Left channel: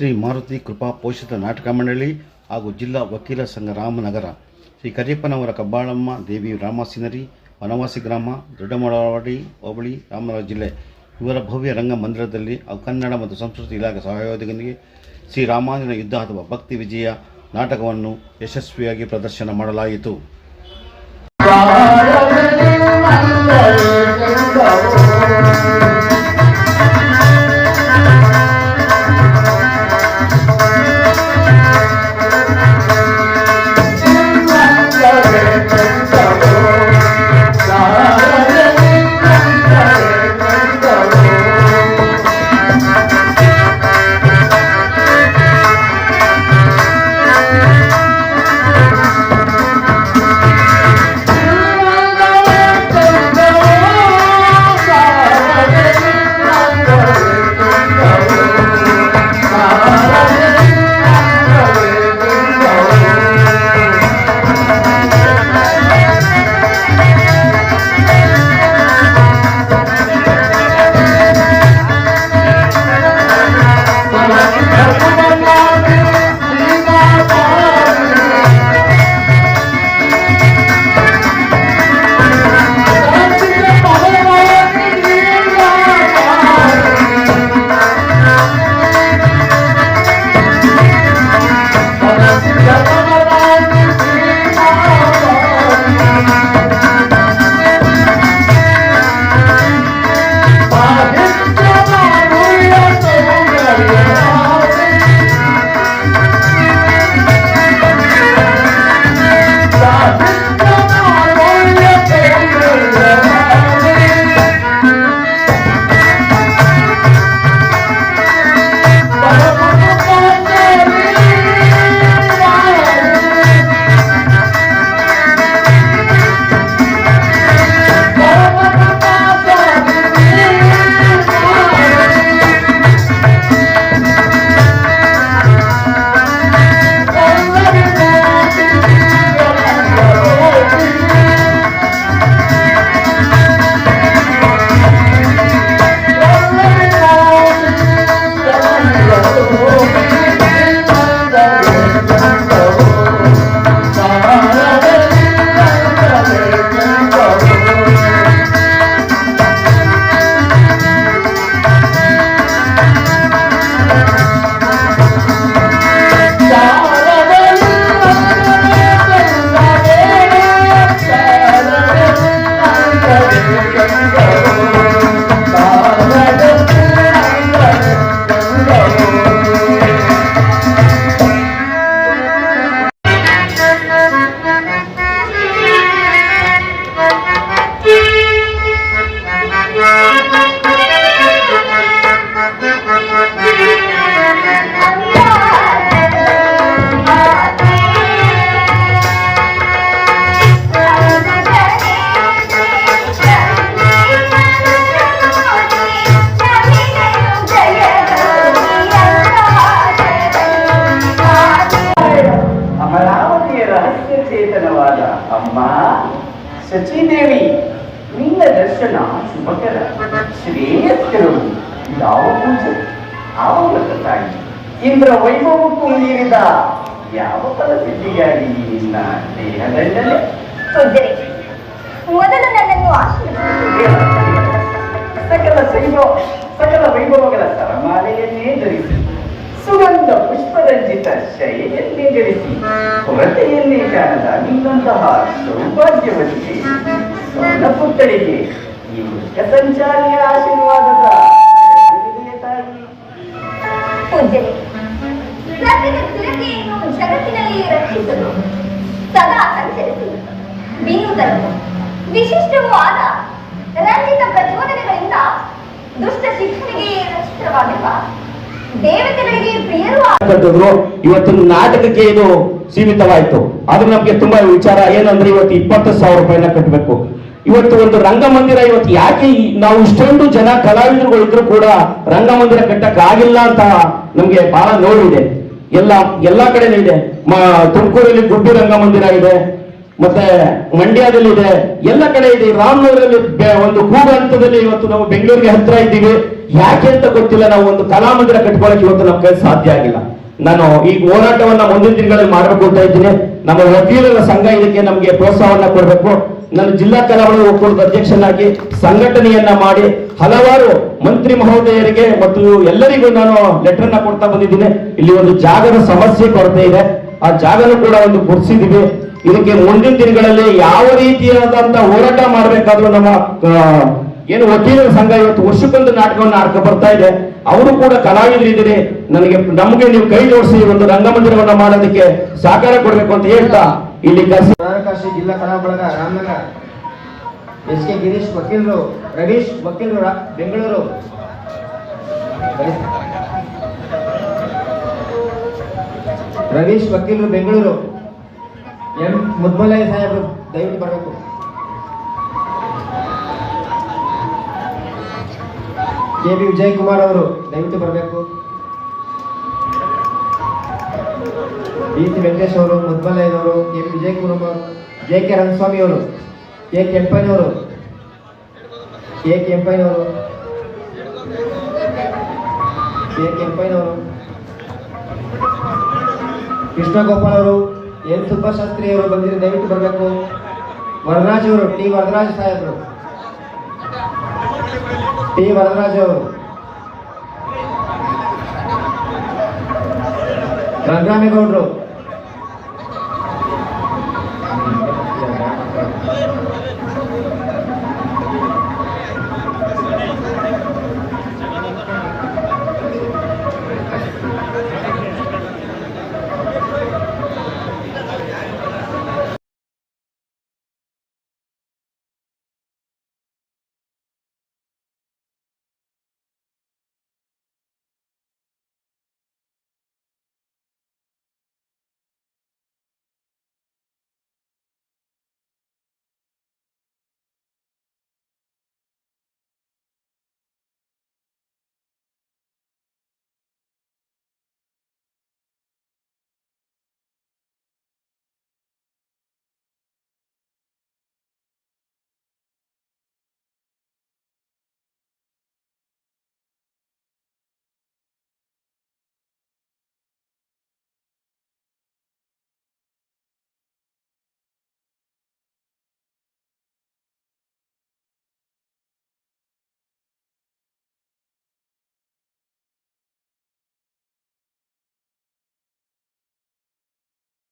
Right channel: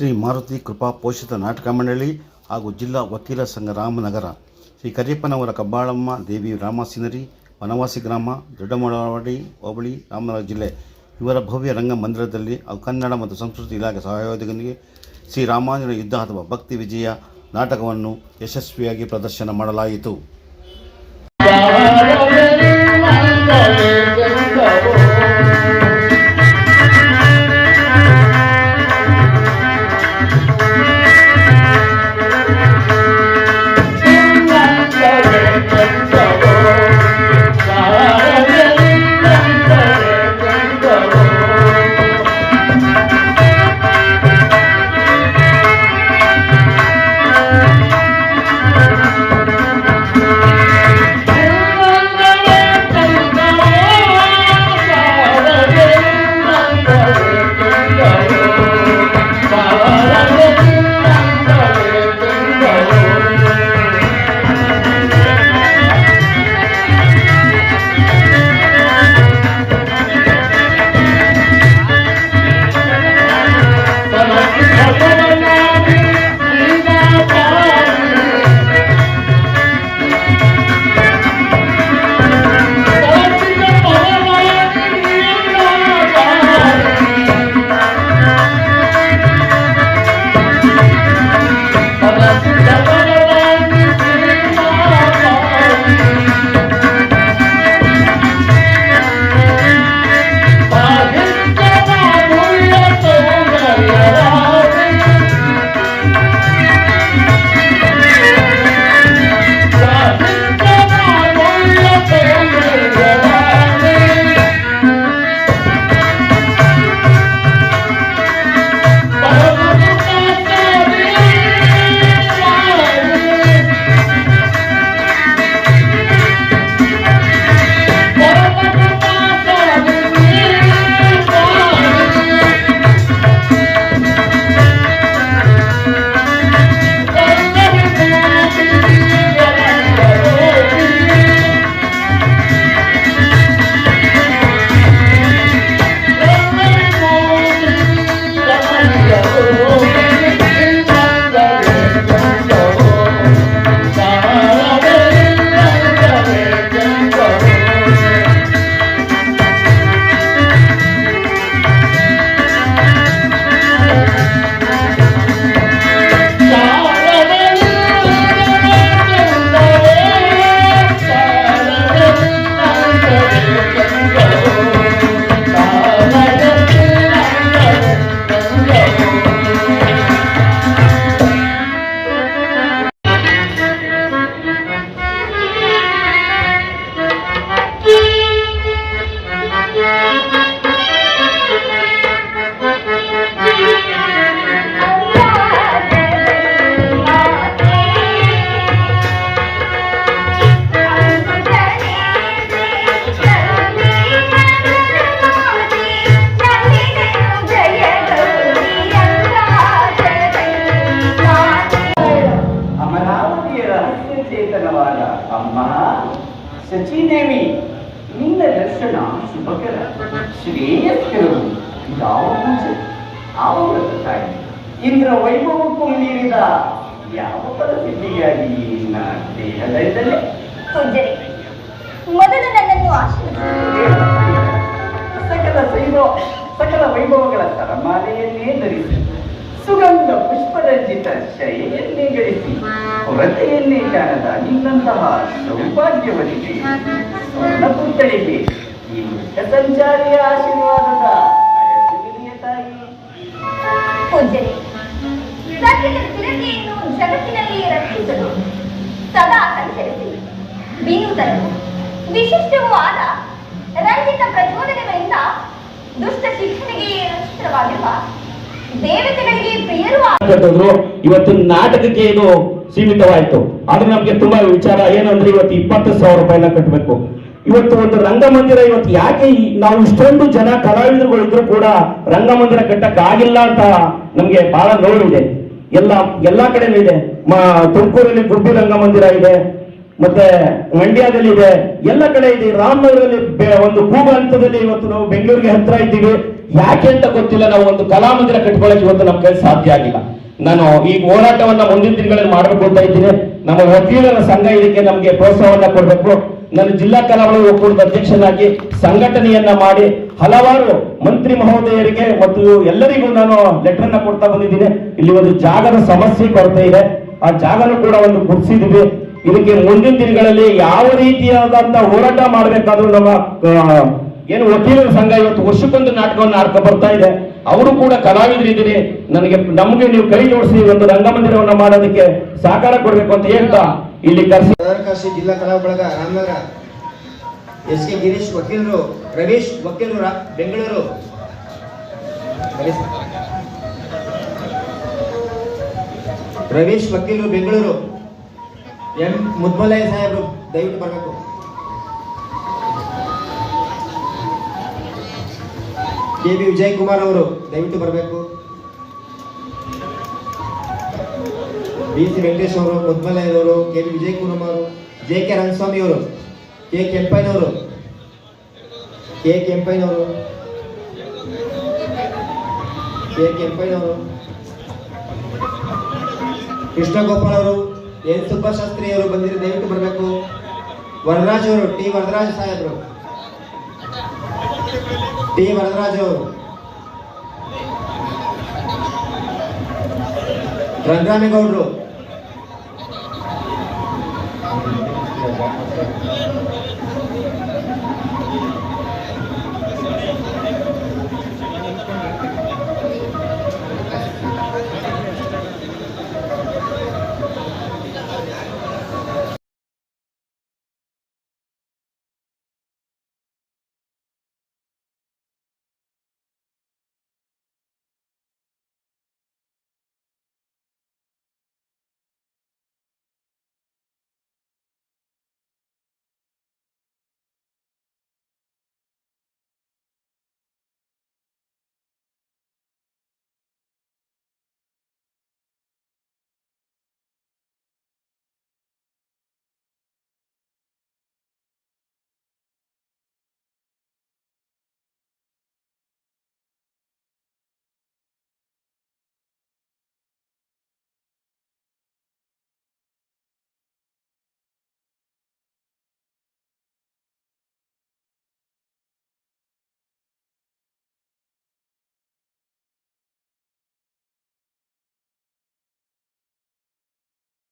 ಶ್ರೀ ಮಾರುತಿ ಕೃಪಾ ಪೋಷಿತ ನಾಟಕ ಮಂಡಳಿ ಹಾಗೂ ಜಿಲ್ಲಾ ವಕೀಲ ಸಂಘ ರಾಮನಗರ, ಶ್ರೀ ಕರಿಯಪ್ಪನವರ ಕಬ್ಬಾಳಮ್ಮ ದೇವಿ ರಾಮಸಿನರಿ, ವನವಾಸಿ ಗ್ರಾಮ, ದೊಡ್ಡಮಳವಾಡಿ ಹೋಬಳಿ, ರಾಮನಗರ ಜಿಲ್ಲೆ ಇವರ ಭವ್ಯ ರಂಗ ಮಂದಿರದಲ್ಲಿ ಕನ್ನಡ ಮತ್ತು ಸಂಸ್ಕೃತಿ ಇಲಾಖೆ ಸಹಯೋಗದೊಂದಿಗೆ ಶ್ರೀ ರಾಮಾಂಜನ ಯುದ್ಧ ಅಥವಾ ಭಕ್ತಿ ವಿಜಯ ನಾಟಕವನ್ನು ಯಶಸ್ವಿಯಾಗಿ ಪ್ರದರ್ಶನ ಮಾಡಲಾಯಿತು. ಶಚಿದೇವಿ, ನಿನ್ನ ದರ್ಶನ ಶುಭಕರ, ಶ್ರೇಯಸ್ಕರವು. ಯಾವ ಪೂಜೆ, ಯಾವ ವ್ರತಕ್ಕಾಗಿ, ಇಂದ್ರ ವೈಭವಕ್ಕೂ ಮೀರಿದ ಯಾವ ಫಲಸಿದ್ಧಿಗಾಗಿ ನಿನ್ನ ದೇಹದಲ್ಲೇ ಮೊದಲು ನನ್ನನ್ನು ಆಶೀರ್ವದಿಸಿ ಸಕಲ ವೈಭವಗಳ ಸರಮಾಲೆಯನ್ನೇ ಧರಿಸಿ, ಸುಗಂಧ ಪುಷ್ಪರಂಜಿತ ಶೈಲಿಯನ್ನೇ ಗಳಿಸಿ, ಕೊರತೆಯನ್ನೇ ಕಾಣದ ನಿನ್ನಂತಹ ಸೌಭಾಗ್ಯವತಿಗೆ, ಸಣ್ಣ ಪುತ್ಥಳಿಗೆ ಈ ಮುಖ್ಯ ಸಂಚಾರಿಯ ಆಶೀರ್ವಾದದ ತಾಯಿ. ಪೂಜ್ಯರೇ, ಸತ್ಯದ ಸ್ಥಿರತೆಯನ್ನು ಜಗತ್ತಿನಲ್ಲಿ ರಕ್ಷಿಸಲು ಸದಾ ಸಂಚರಿಸಿ ಬೀರುವುದನ್ನು ವಿಶಿಷ್ಟವೂ ಆದ ರಂಜಿತ ಪ್ರಚೋದನೆಗಳಿಂದ ದುಷ್ಟ ಶಿಕ್ಷಣೆಗೆ ರಚಿತವಾಗಿರುವ ದೇವತೆಗಳಿಗೆ ಪ್ರಿಯರು ಇವತ್ತು ನಾಟಕಕ್ಕೆ ಏನು ಸೀಮಿತವಾಯಿತು. ಆದ್ರೆ ನಮ್ಗೆ ತುಂಬಾ ವಿಚಾರ ಏನಂದ್ರೆ ಇವತ್ತು 20,000 ರೂಪಾಯಿನ ಕಟ್ಟಬೇಕು. ಇವತ್ತು ಒಂದು ರಂಗಮಂದಿರ, ಇವತ್ತು ಯಾಕೆ ನಾವು ಇಷ್ಟೊಂದು ಜನ ಕಲಾವಿದರುಗಳಿದ್ರು ಕೂಡ ರಂಗಮಂದಿರ ಕಟ್ಟಕ್ ಆಗಿಲ್ಲ ಅಂತ ನಮ್ಗೆ ಬಹಳ ನೋವಿದೆ. ಎಲ್ಲಾ ಕಡೆನೂ ಇದೆ. ತುಮಕೂರಲ್ಲಿ ಗುಬ್ಬಿ ರಂಗಮಂದಿರ ಇದೆ, ಮತ್ತೆ ಮಂಡ್ಯದಲ್ಲಿ ಇದೆ, ಎಲ್ಲ ಕಡೆ ಇದೆ. ರಾಮನಗರಲ್ಲಿ ಒಂದು ಕೂಗು ಹಂತದಲ್ಲಿ ಇವತ್ತು ನಾವು ಬೆಂಗಳೂರಿಗೆ ಹತ್ರ ಇದ್ದೀವಿ. ಯಾಕೆ ಅಂತ ಗೊತ್ತಿಲ್ಲ, ನಾವು ಒಂದು ಕಲಾಮಂದಿರ ಕಟ್ಕೊಳ್ಳೋಕೆ ಇವತ್ತು ನಮ್ಮ ಕೈ ಸಾಧ್ಯ ಆಗಿಲ್ಲ. ನಾನು ಈ ಹೋರಾಟವನ್ನ ಮುಂದಿನ ದಿನಗಳಲ್ಲಿ ಮಾಡಬೇಕು ಅಂತ ಇದ್ದೀನಿ. ನಮ್ಮ ವಕೀಲರ ಸಂಘ ಇದಕ್ಕೆ ನಮಗೆ ಪ್ರೋತ್ಸಾಹವನ್ನ ಕೊಡಬೇಕು. ನಾನು ಜಿಲ್ಲಾ ಕಲಾವಿದರ ಒಕ್ಕೂಟದ ಅಧ್ಯಕ್ಷನಾಗಿ ಸಂಘಟನೆಯನ್ನ ಮಾಡಿ ಹಲವಾರು ಮಂತ್ರಿ ಮಹೋದಯರಿಗೆ ಮತ್ತು ಎಲ್ಲರಿಗೂ ನಾನು ಲೆಟರ್ ಅನ್ನ ಕೊಡ್ತಾ ಬಂದಿದ್ದೀನಿ. ಇಲ್ಲಿ ಒಂದು ಜಾಗದ ಸಮಸ್ಯೆ ಕೊರತೆ ಇದೆ, ಆ ಜಾಗನೂ ಕೂಡ ಒಂದು ಗುರುತಿಸಿದೀವಿ. ಇದಕ್ಕೆ ಮುಂದಿನ ದಿನಗಳಲ್ಲಿ ಯಾವ ರೀತಿಯಾದಂತಹ ಹೋರಾಟ ಮಾಡಬೇಕಾದ್ರೂ ನಮ್ಮ ಏನು ವಕೀಲರ ಸಂಘ ಇವತ್ತು ವರ್ಷಕ್ಕೊಂದು ನಾಟಕವನ್ನು ಆಡ್ಕೊ ಬರ್ತಾ ಇದೆ. ಅವರು ಕೂಡ ಕಲಾವಿದರಿದ್ದೀರಿ, ನಮಗೆ ನೀವು ಕೈ ಜೋಡಿಸಿ ಒಂದು ರಂಗಮಂದಿರವನ್ನು ಮಾಡೋದಕ್ಕೆ ಸಹಕಾರ ಕೊಡಬೇಕು ಅಂತ ಹೇಳ್ತಾ ಇಲ್ಲಿ ಕಾಶಿ ಜಿಲ್ಲಾ ಕಲಾ ಬಳಗ ರಾಮನಗರ, SK ಗಿರೀಶ್ ವಕೀಲರು, ರವೀಶ್ ವಕೀಲರು ಬೆಂಗಳೂರು, ರವೀಶ್ ವಕೀಲರು ಬೆಂಗಳೂರು, M ಮುದ್ಮಲಯ್ಯ ಸಾಹೇಬರು ದಯವಿಟ್ಟು ಬರಬೇಕು. KB ವಿಜಯ್ ಕುಮಾರ್ ಅವರು ದಯವಿಟ್ಟು ಬರಬೇಕು. BC ವೆಂಕಟೇಶ್ ಅವರು, ಮುದ್ಮಲಯ್ಯನವರು, KB ವಿಜಯ್ ಕುಮಾರ್ ಅವರು, JK ರಂಗಸ್ವಾಮಿ ಅವರು, K ಕೆಂಪಯ್ಯನವರು, ಕೃಷ್ಣ ಗೋಪಾಲ್ ಅವರು, N ಸುಬ್ಬಶಾಸ್ತ್ರಿ ಅವರು ಬಂದಿರಿ, ದಯವಿಟ್ಟು ಬರಬೇಕು. ವರದರಾಜ್ ಅವರು, T ವರದರಾಜ್ ಸಾಹೇಬರು, T ವರದರಾಜ್ ಅವರು, ರಂಗರಾಮೇಗೌಡರು,